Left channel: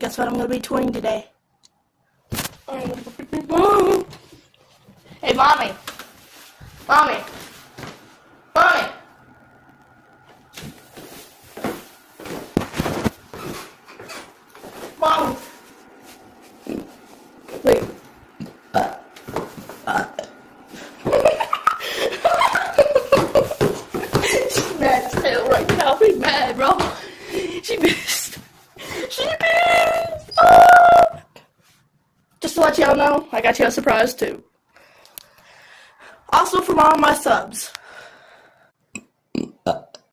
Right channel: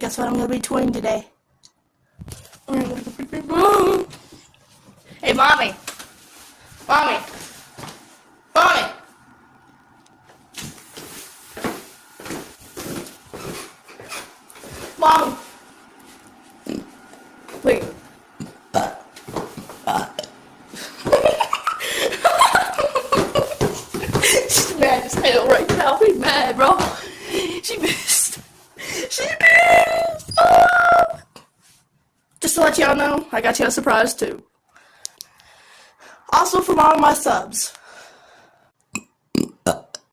Guess what I'm gonna be tweeting today? Hey, mommy. Mommy. Mommy. Mom. Wait. She's mad as hell right now. She's mad, bro. She pissed. She pissed. Oh. Just to let y'all know, I got you a surprise too. Also from all my subs.